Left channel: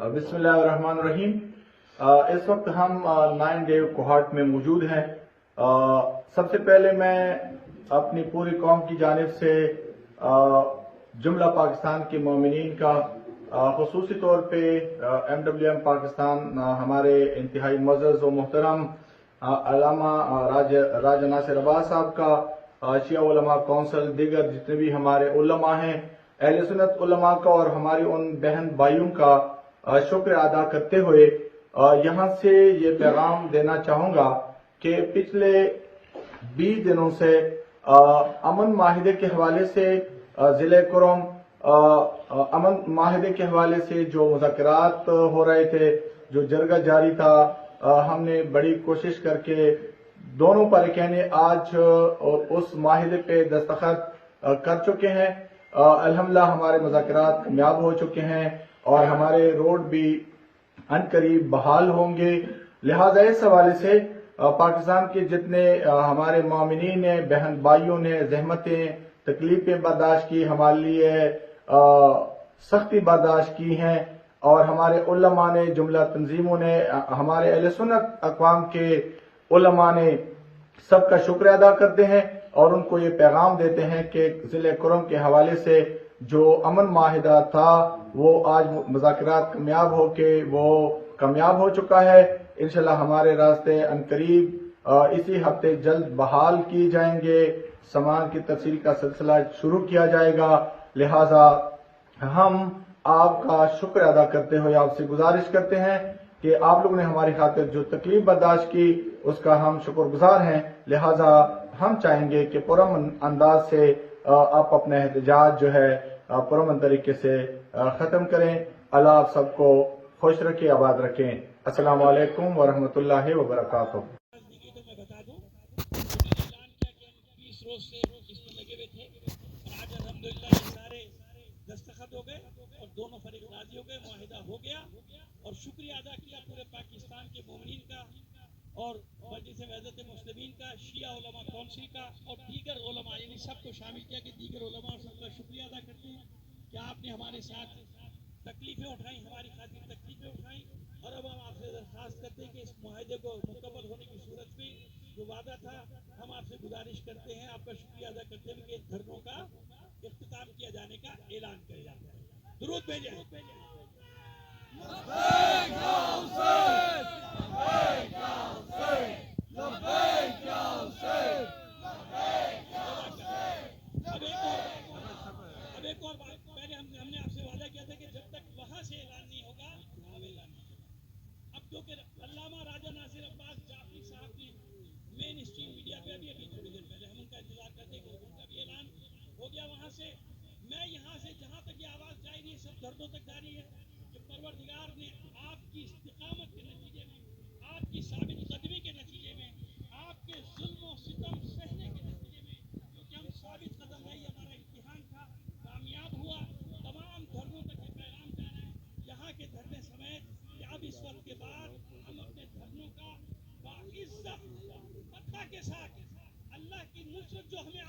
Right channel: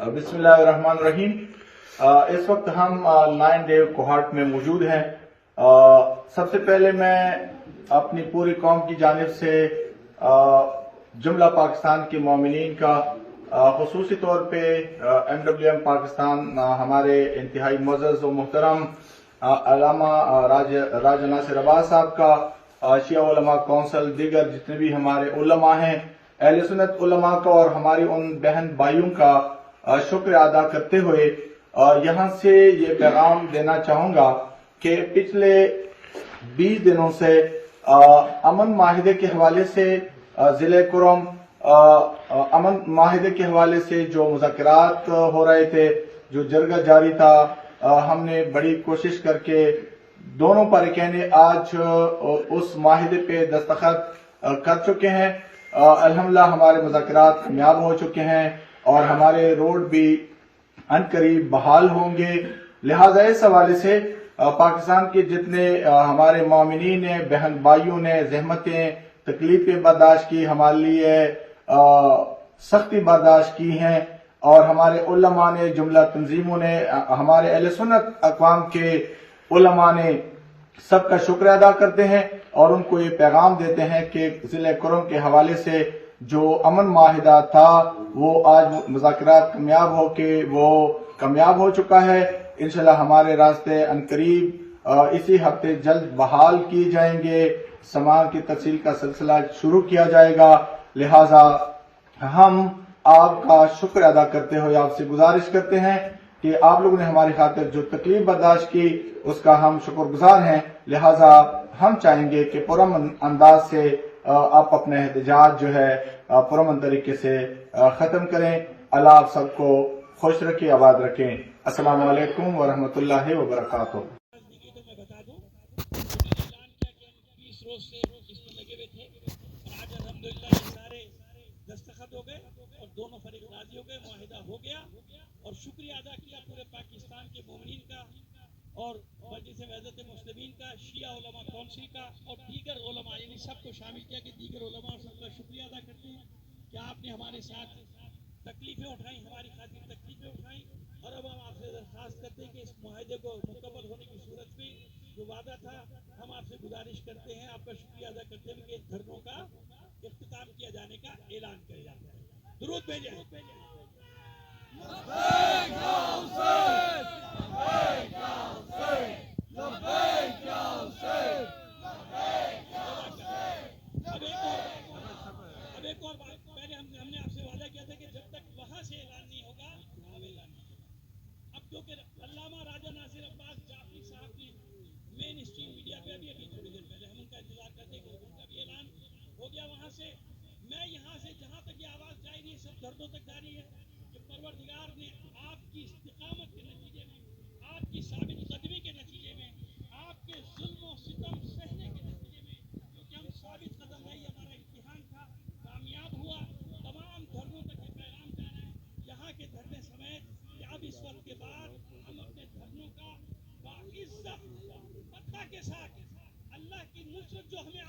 बिस्मिल्लाहिर्रहमानिर्रहीम। इस वक्त हम नाइन डेव कोहाट में मौजूद हैं। सबसे पहले मैं अपनी पूरी कौम की जानिब से जुमला पाकिस्तान के मोमिनीन का खसूसी तौर पे MWM पाकिस्तान हमारे इंतहाई मुअज़्ज़ज़ व मुहतरम अल्लामा राजा नासिर अब्बास साहब का, शिया उलमा कौंसिल, दीगर जितने भी हमारे उलमा हैं, अहले सुन्नत उलमा का और हमारी उन बहन भाइयों का शुक्र अदा करते हुए यहाँ से ये पैगाम देना चाहूँगा कि पिछले 20 दिनों से अमन माहिदे के हवाले से ज़िले कुरम अमन माहिदे के हवाले से जो मुज़ाकरात हो रहे थे, जो जरगा जारी था, हमने बड़ी कोशिश करके दोनों पारिकैने आज उस माहिदे पे दस्तखत कर चुके हैं। अल्हम्दुलिल्लाह हमारे मुज़ाकरात कामयाब हो चुके हैं और हमारे रोड भी अनकरीब बहाल होंगे। लिहाजा इस हवाले से पाकिस्तान के जितने हमारे मोमिनीन ने, बहन भाइयों ने जहमतें तकलीफें बर्दाश्त की, हमारे लिए सख्ती बर्दाश्त की हैं और हमारे उलमा ने, जुमला तंजीमों ने, हमारे अहले सुन्नत अक़वाम के उलमा ने सबका शुक्र अदा करते हैं और उनको ये पैगाम देते हैं कि ज़िले कुरम के हवाले से जो अमन माहिदा था वो आज मुज़ाकरात कामयाब हो चुका है। इंशाल्लाह हमारे रास्ते अनकरीब इसी हफ्ते जल्द बहाल किए जाएंगे, सामान की तफसील का सिलसिला शुरू किया जाएगा। लिहाजा हम आपका शुक्र अदा करते हुए आपसे गुजारिश करते हैं कि आप लोगों ने हमारी खातिर जो तकलीफ बर्दाश्त की उसका हम शुक्रगुजार हैं। लिहाजा हम चाहेंगे कि पुरअमन अंदाज से आप अपना एहतजाज जो है पुरअमन तरीके से ख़त्म करें। अल्लाह आप सबको खुश रखे, आबाद रखें। अस्सलामु अलैकुम व रहमतुल्लाहि व बरकातुहू। दस्तखत हो गए और दोनों फरीक राजी हो गए, मुआहिदा हो गया और शुक्रिया अदा किया पूरे पाकिस्तान के मोमिनीन का और मजलिस वहदत मुस्लिमीन का, शिया उलमा कौंसिल का और दीगर उलमा, यानी सबको शामिल किया कि दीगर उलमा और सबका शुक्रिया अदा करते हैं कि आपने हमारे साथ तकलीफें उठाई, हमारी खातिर तकलीफें उठाई और अब हम आपसे दरख्वास्त करते हैं कि इस मुआहिदे को मुकम्मल होने की सूरत में जो वादा था, हम आपसे गुजारिश करते हैं, आपका शुक्रिया अदा करते हुए कि धरनों का इख्तिताम किया जाने का ऐलान किया जाता है। दुरूद भेजें। अब एक और बात, पहले हमने आपसे वादा किया था कि जब तक वहां से ऐलान नहीं होगा अब ऐलान नहीं होगा। अब जो कि अल्लामा राजा नासिर अब्बास जाफरी साहब ने मेन स्ट्रीम मीडिया पे अभी थोड़ी देर पहले हम उनका इंतजार करते हैं कि उनका भी ऐलान हो गया वहां से। मैं यहाँ से जहाँ तक ये आवाज जा रही है, सब दर्दों तक जा रही है कि परवरदिगार ने आपकी इस्तिकामत के नतीजे में, आपकी साबित कदमी के नतीजे में, आपके जुल्म और सितम सहने के नतीजे में, क्योंकि हम साबित कदम रही, हमारा इम्तिहान था, कामयाब हुआ। तमाम धर्मों तक ये पैगाम जा रहा है, यहाँ के धरने समेत, कि अब इस वक्त के बाद हम अपने धर्मों का बाइज्जत पत्ता के साथ अल्लाह की नुसरत जो हमें